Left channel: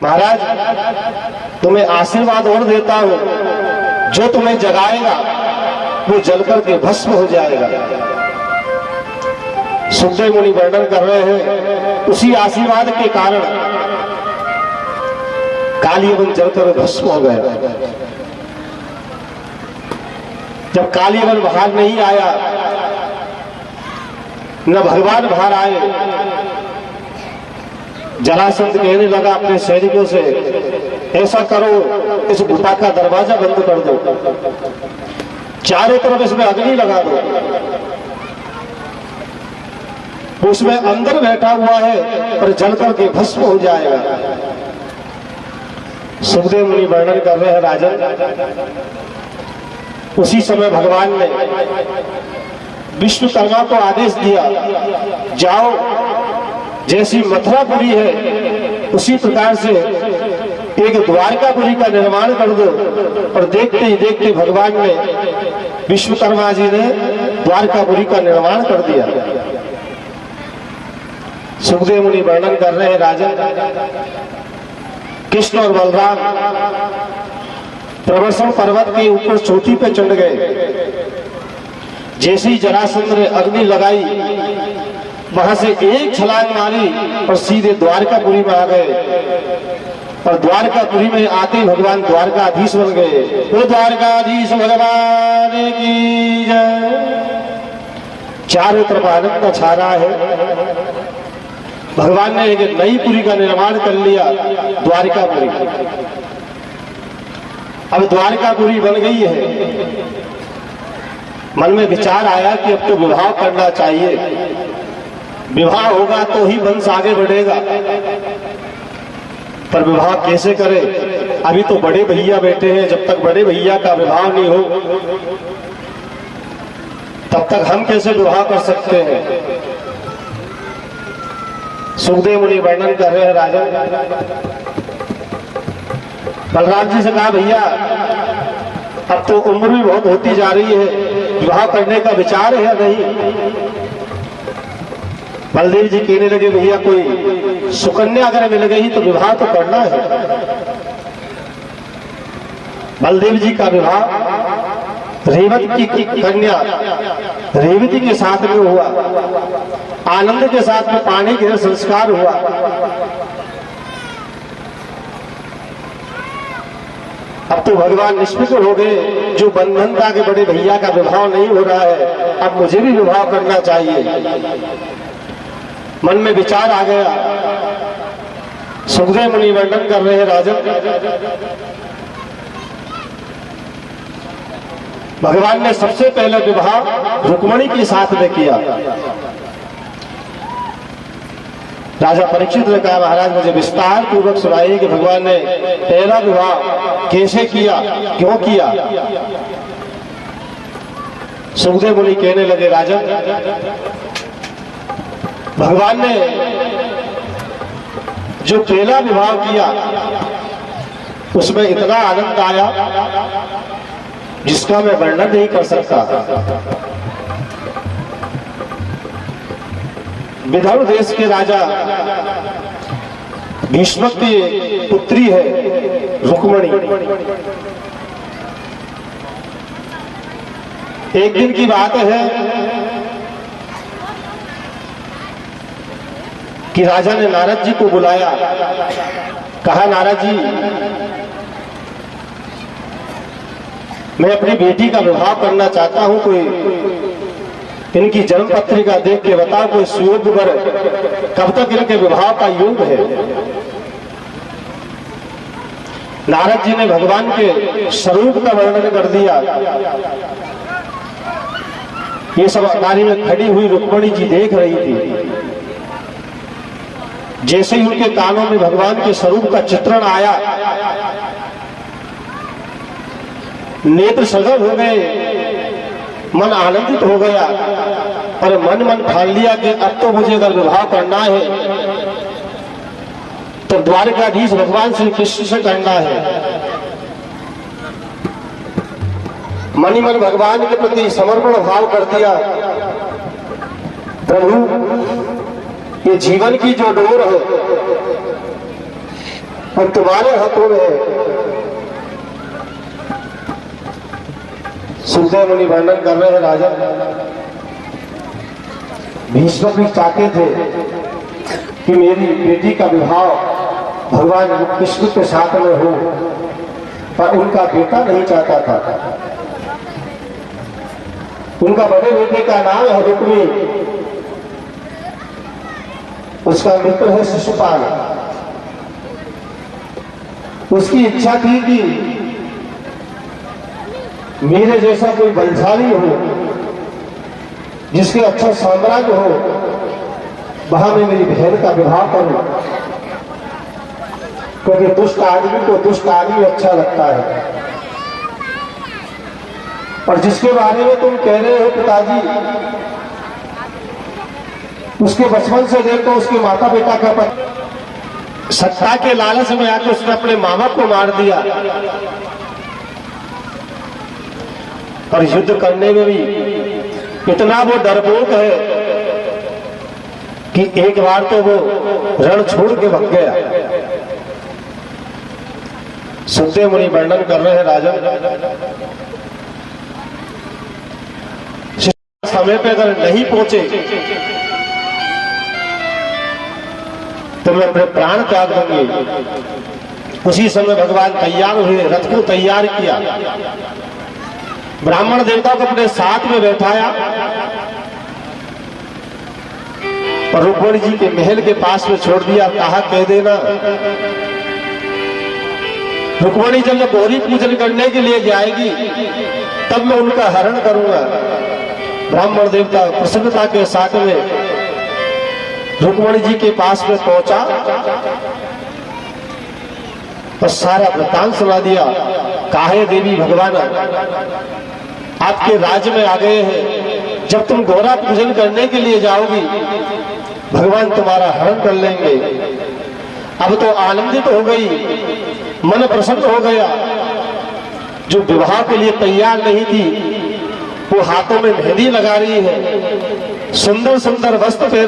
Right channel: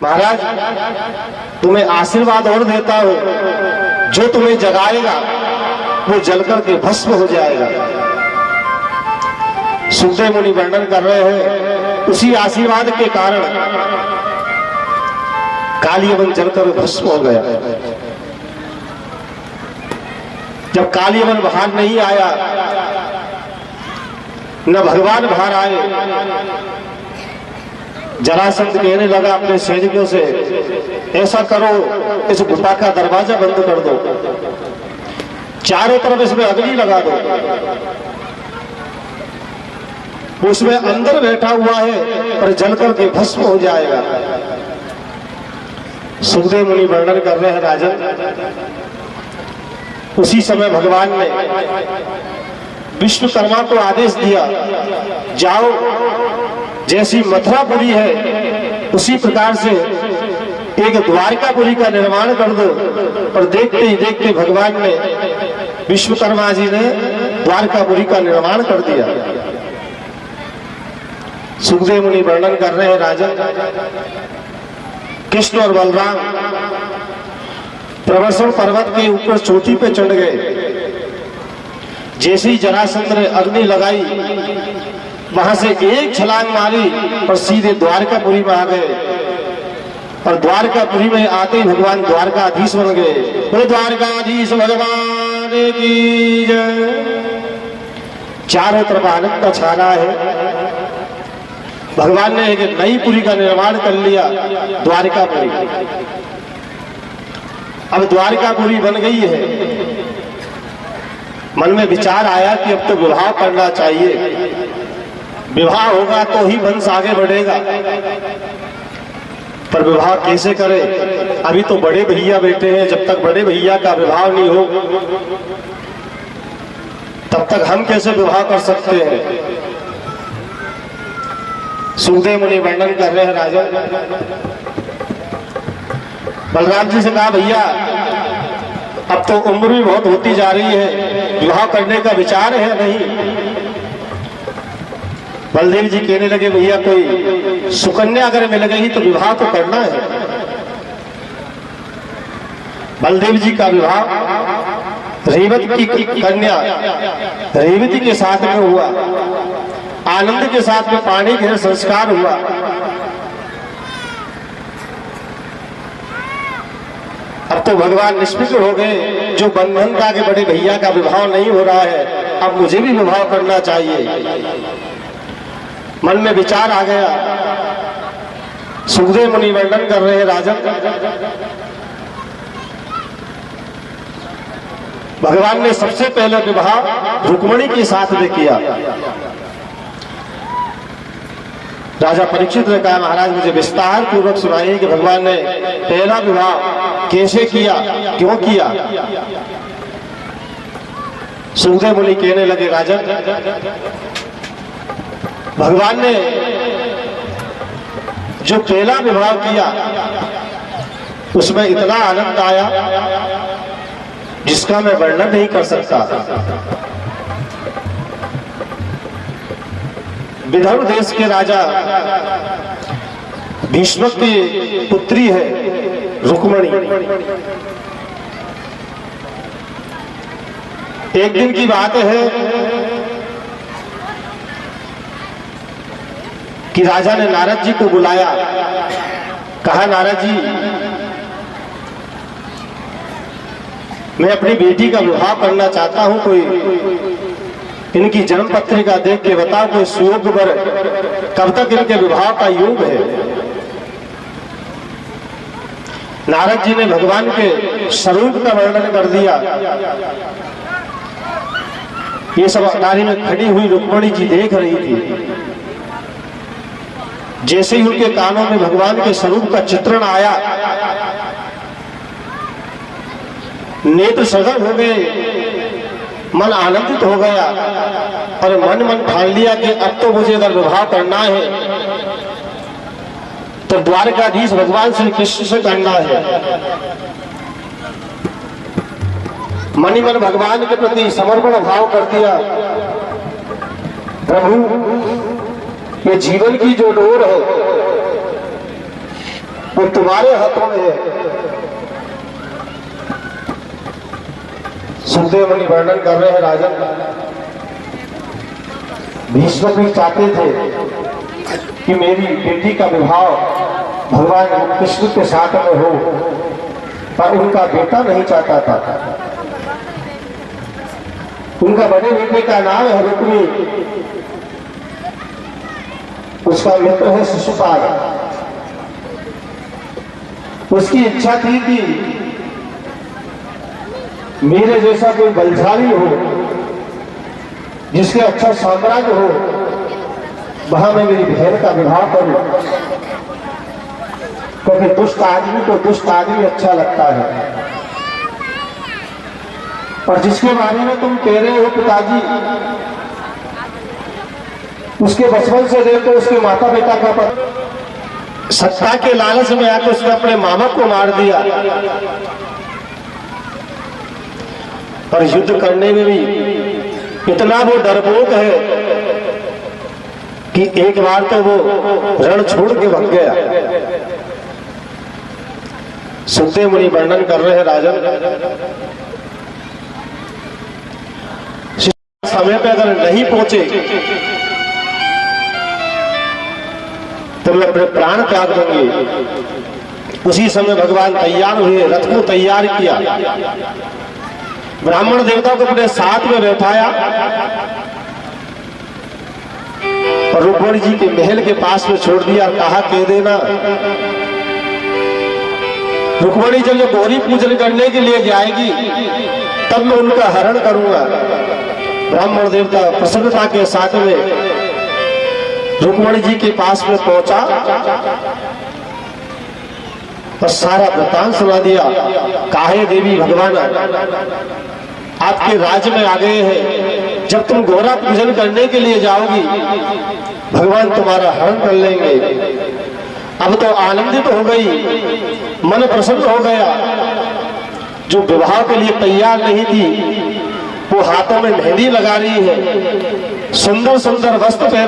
महाराज तुम्हें आशीर्वाद और देता हूं, जो तुम्हें जगाएगा वो जलकर के भस्म हो जाएगा। सुखदेव मुनि वर्णन कर रहे हैं उसी आशीर्वाद के कारण कालियवन जलकर भस्म हो गया। जब कालियवन बाहर नहीं आया, न भगवान बाहर आए, जरासंध कहने लगा अपने सैनिकों से, ऐसा करो इस गुफा का दरवाजा बंद कर दो, चारों तरफ इसमें अग्नि लगा दो, उसमें अंदर बैठा हुआ है पर जलकर के भस्म हो जाएगा। सुखदेव मुनि वर्णन कर रहे हैं राजन, उसी समय भगवान ने विश्वकर्मा को आदेश दिया, जाओ जैसी मथुरापुरी है उसी प्रकार से एक द्वारकापुरी का निर्माण कर दो। और देखते ही देखते भगवान ने, विश्वकर्मा जी ने द्वारकापुरी का निर्माण कर दिया। सुखदेव मुनि वर्णन कर रहे हैं राजन, कृष्ण और बलराम प्रवर्षण पर्वत के ऊपर चोटी पे चढ़ गए। जैसे ही जरासंध ने अग्नि लगाई, वहां से एक छलांग मारी और सीधे द्वारकापुरी में आ गए। और द्वारकापुरी में आते ही भगवान द्वारकाधीश बन गए। तो द्वारकाधीश भगवान की जय। चारों तरफ आनंद छा रहा है। भगवान ने एक नई पुरी का निर्माण कर लिया, द्वारकापुरी। अब द्वारकापुरी बन गई है। मन में विचार आया कि अब तो विवाह करना चाहिए, विवाह होगा तो ही वंश आगे बढ़ेगा। पर विवाह कैसे करें? अभी तो बड़े भैया बैठे हैं, जब तक बड़े भैया का विवाह नहीं हो तब तक हम कैसे विवाह कर सकते हैं? सुखदेव मुनि वर्णन कर रहे हैं राजा, बलराम जी से कहा, भैया अब तो उम्र भी बहुत होती जा रही है, विवाह करने का विचार है नहीं? बलदेव जी कहने लगे, भैया कोई सुकन्या अगर मिल गई तो विवाह तो करना है। बलदेव जी का विवाह रेवती की कन्या रेवती के साथ में हुआ। आनंद के साथ में पानी के संस्कार हुआ। अब तो भगवान निष्फिक्र हो गए, जो बंधन था कि बड़े भैया का विवाह नहीं हो रहा है, अब muझे भी विवाह करना चाहिए। मन में विचार आ गया। सुखदेव मुनि वर्णन कर रहे हैं राजन, भगवान ने सबसे पहले विवाह रुक्मिणी के साथ में किया। राजा परीक्षित ने कहा, महाराज मुझे विस्तार पूर्वक सुनाइए कि भगवान ने पहला विवाह कैसे किया, क्यों किया? सुखदेव मुनि कहने लगे, राजन भगवान ने जो पहला विवाह किया उसमें इतना आनंद आया जिसका मैं वर्णन नहीं कर सकता। विदर्भ देश के राजा भीष्म की पुत्री है रुक्मिणी। एक दिन की बात है कि राजा ने नारद जी को बुलाया, कहा, नारद जी मैं अपनी बेटी का विवाह करना चाहता हूं, कोई इनकी जन्म पत्रिका देख के बताओ, कोई सुयोग्य वर, कब तक इनके विवाह का योग है? नारद जी ने भगवान के स्वरूप का वर्णन कर दिया। ये सब अटारी में खड़ी हुई रुक्मिणी जी देख रही थी। जैसे ही उनके कानों में भगवान के स्वरूप का चित्रण आया, नेत्र सजग हो गए, मन आनंदित हो गया और मन मन ठान लिया कि अब तो मुझे अगर विवाह करना है तो द्वारकाधीश भगवान श्री कृष्ण से करना है। मन ही मन भगवान के प्रति समर्पण भाव कर दिया। प्रभु ये जीवन की जो डोर है वो तुम्हारे हाथों में है। सुखदेव मुनि वर्णन कर रहे हैं, राजन भीष्म भी चाहते थे कि मेरी बेटी का विवाह भगवान कृष्ण के साथ में हो, पर उनका बेटा नहीं चाहता था। उनका बड़े बेटे का नाम है रुक्मी, उसका मृत्यु है शिशुपाल। उसकी इच्छा थी कि मेरे जैसा कोई बलशाली हो, जिसके अच्छा साम्राज्य हो, वहां मैं मेरी बहन का विवाह करूं, क्योंकि दुष्ट आदमी को दुष्ट आदमी अच्छा लगता है। और जिसके बारे में तुम कह रहे हो पिताजी, उसके बचपन से देखो उसके माता पिता का पता, सत्ता के लालच में आकर उसने अपने माँ बाप को मार दिया, और युद्ध करने में भी इतना वो डरपोक है कि एक बार तो वो रण छोड़ के भाग गया। सुखदेव मुनि वर्णन कर रहे हैं, राजन समय पे अगर नहीं पहुंचे तो मैं अपने प्राण त्याग दूंगी। उसी समय भगवान तैयार हुए, रथ को तैयार किया, ब्राह्मण देवताओं को अपने साथ में बैठाया और रुक्मणी जी के महल के पास में छोड़ दिया। कहा कह देना रुक्मणी जब ये गौरी पूजन करने के लिए जाएगी तब मैं उनका हरण करूंगा। ब्राह्मण देवता प्रसन्नता के साथ में रुक्मणी जी के पास में पहुंचा और सारा वृत्तांत सुना दिया। काहे देवी भगवान आपके राज्य में आ गए हैं, जब तुम गौरा पूजन करने के लिए जाओगी भगवान तुम्हारा हरण कर लेंगे। अब तो आनंदित हो गई, मन प्रसन्न हो गया। जो विवाह के लिए तैयार नहीं थी वो हाथों में मेहंदी लगा रही है, सुंदर सुंदर वस्त्र पहन